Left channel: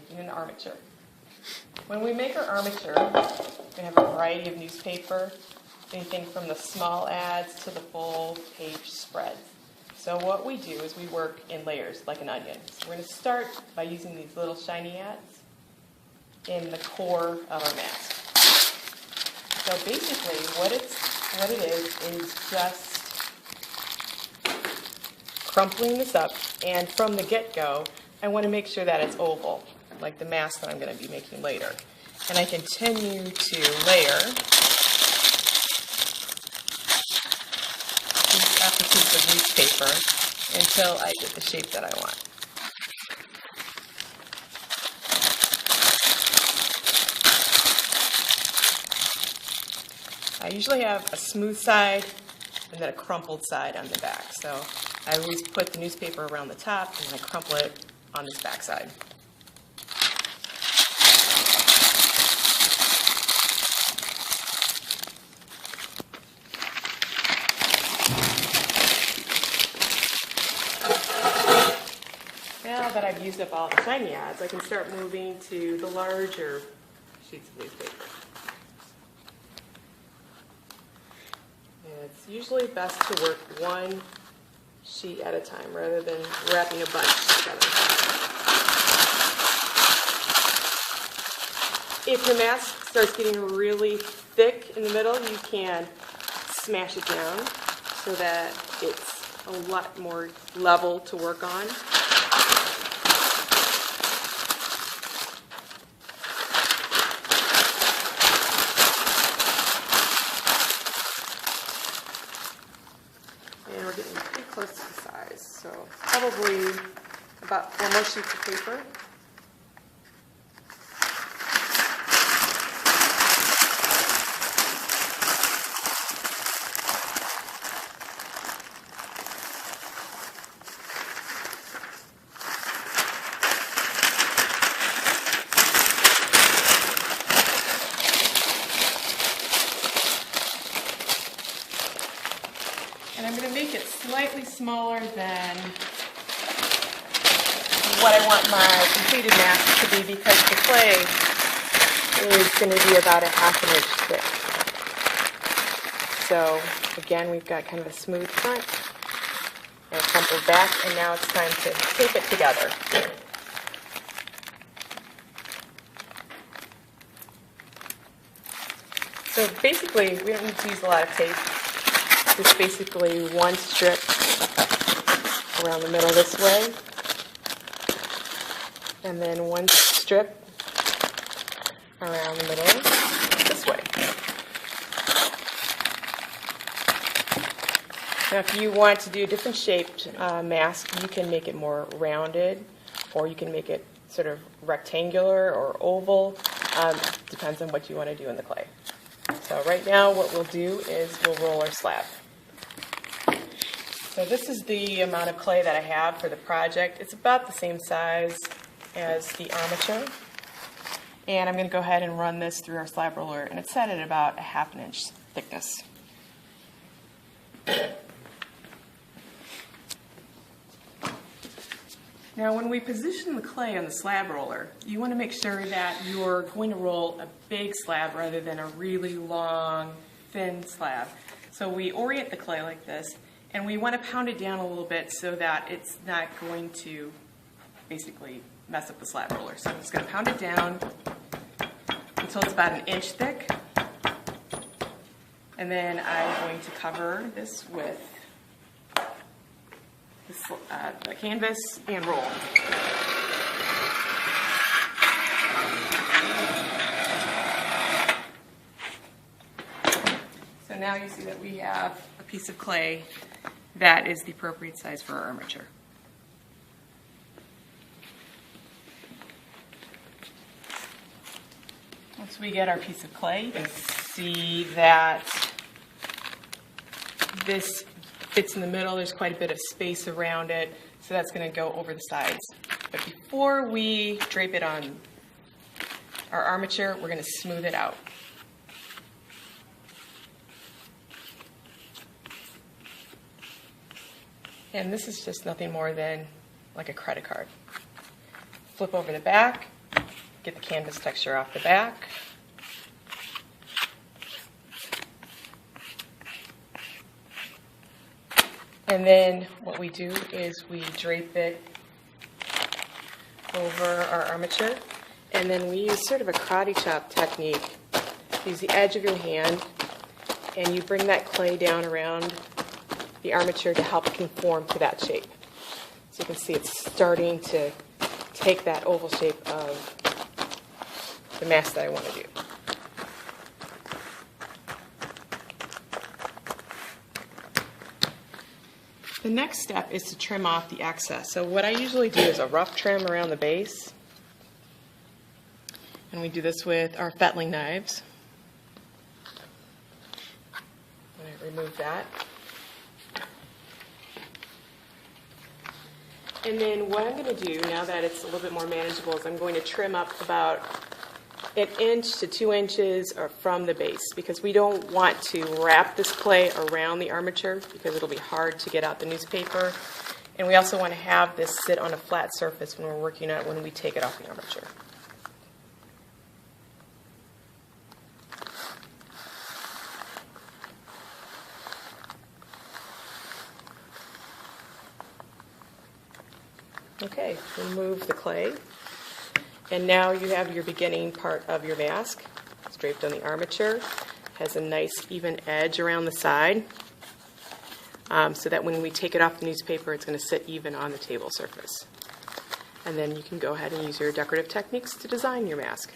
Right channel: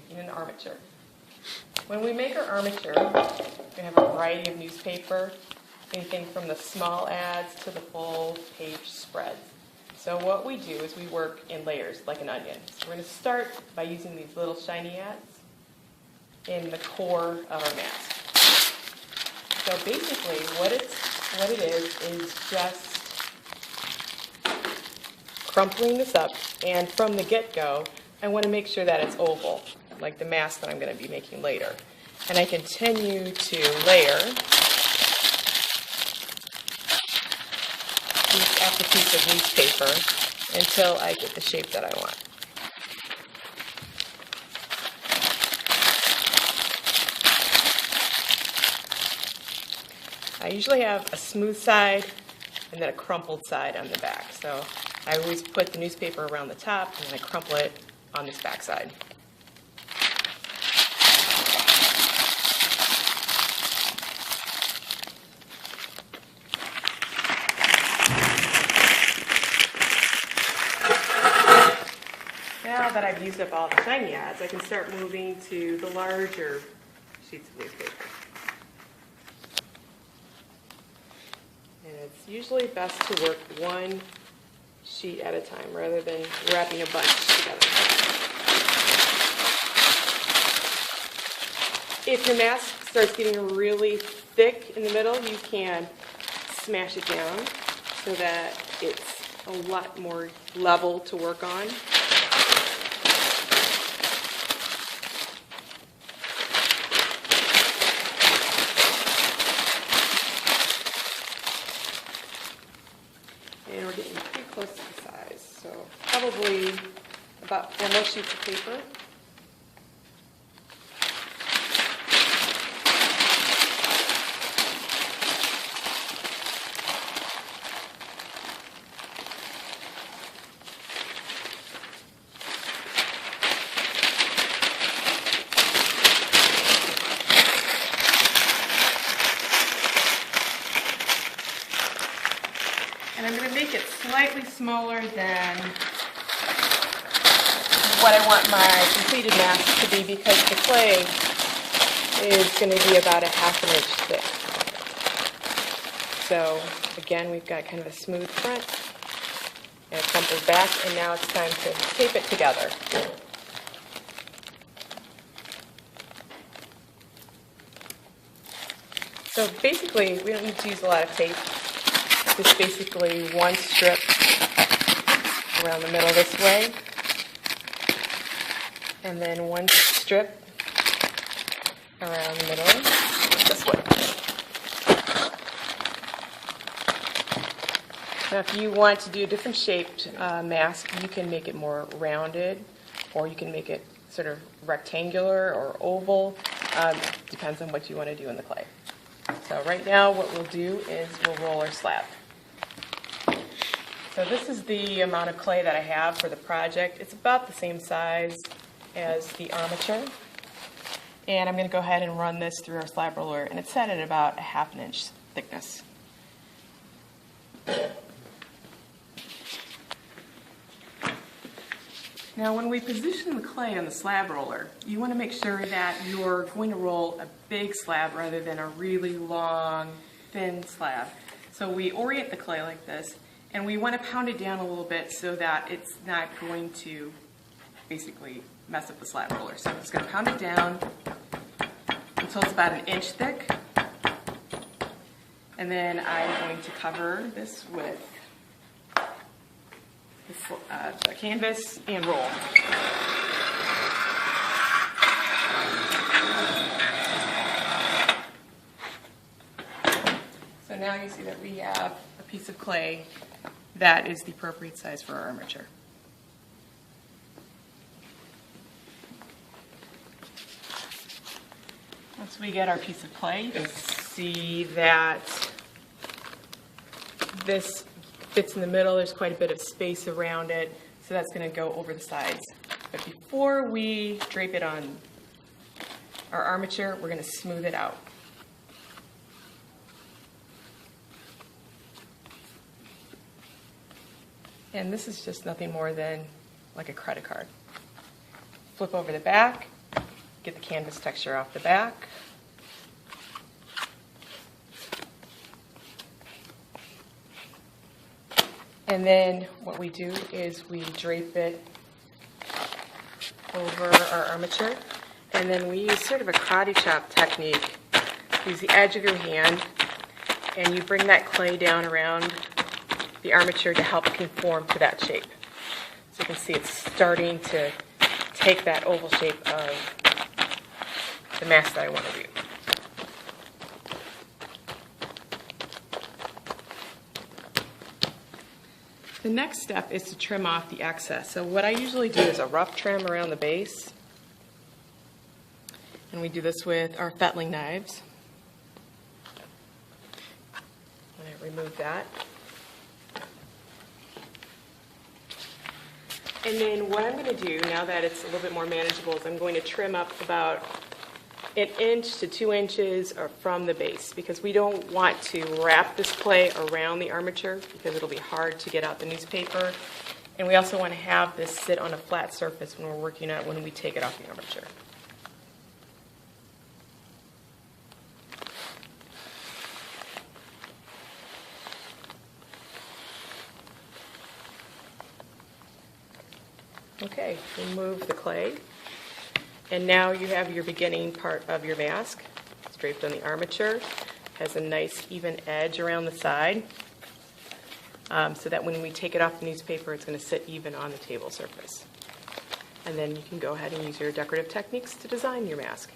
making an armature. When we make our armature, we're going to have a variety of newspaper, anything from the small ads to the full page spreads. So what we do is we work in layers like an onion. So we're going to start by using these little shiny ads in the core of our mask. So basically what it is just crumpling this up, and from the get-go I want to make sure that it's oval, like the mask that I'm going to be making later. And I continue to layer piece after piece of newspaper until I get the shape that I want. I usually have a smooth side and then a crumpled side on the back. So I always put the newspaper around the top and then I crumple it on this back side. Now that I've used up all the shiny ads, I can start moving to the larger sheets of newspaper. And it's usually best to work one sheet at a time rather than wrapping a bunch together. If your mask starts getting really thick in the middle, you can smash it down so that it's a lot more level to work on. And we're getting pretty close to the size, so probably about 4 more sheets of paper. And I'm going to make it slightly smaller than what I want my completed mask to be, because the clay is going to be about a ½ inch thick. So again, we've got kind of a smooth front and a crumpled back, and now it's time to tape it together. So basically, we don't need to use a lot of tape. Just basically one strip around the middle this way, and then one strip around the middle this way. Now if you want to do a different shaped mask, you can make it more rounded, or you can make it sort of rectangular or oval. Depends on what you want to do in the clay. So right now what we'll do is we'll roll our slab. So this is the amount of clay that I have for the project. It's about the same size as the armature. And I'm going to go ahead and run this through our slab roller, and it's set at about a ½ inch thickness. Now when we position the clay on the slab roller, you want to make sure that you're going to roll a big slab rather than a really long, thin slab. So we orient the clay like this, and we want to pound it down a little bit so that it's not going to basically mess up the slab roller. So I'm just going to pound it down until it's about 1 inch thick. And then I'm going to cover this with the canvas and roll. So now you see that we have a piece of clay that is the appropriate size for our armature. Once we get our piece of clay, you can see that this fits in the middle. There's quite a bit of space around it, so that's going to go over the sides. But before we drape it on our armature, we're going to smooth it out. And this is just nothing more than like a credit card. Flip over the back, get the canvas texture off the back. And then what we do is we drape it over our armature, and then we use sort of a karate chop technique. Use the edge of your hand, and you bring that clay down around the armature to help conform to that shape. So you can see it's starting to take that oval shape of the mask that I want to do. The next step is to trim off the excess. So what I usually do is a rough trim around the base. And we do this with our fettling knives. And I remove that. And then what I'm going to do, now that it's a little bit more manageable, is I'm going to trim up about 1 inch to 2 inches from the base, because we don't want to wrap this clay around the armature because it'll be hard to get out the newspaper. And we also want to have this sit on a flat surface when we're working on it when we take it off the armature. Okay, remove the clay. And now you have your beginning part of your mask. It's draped on the armature. Has a nice even edge around the side, so that when we take it off the newspaper, it's going to sit even on the table surface. And then you can go ahead and use your decorative techniques to design your mask.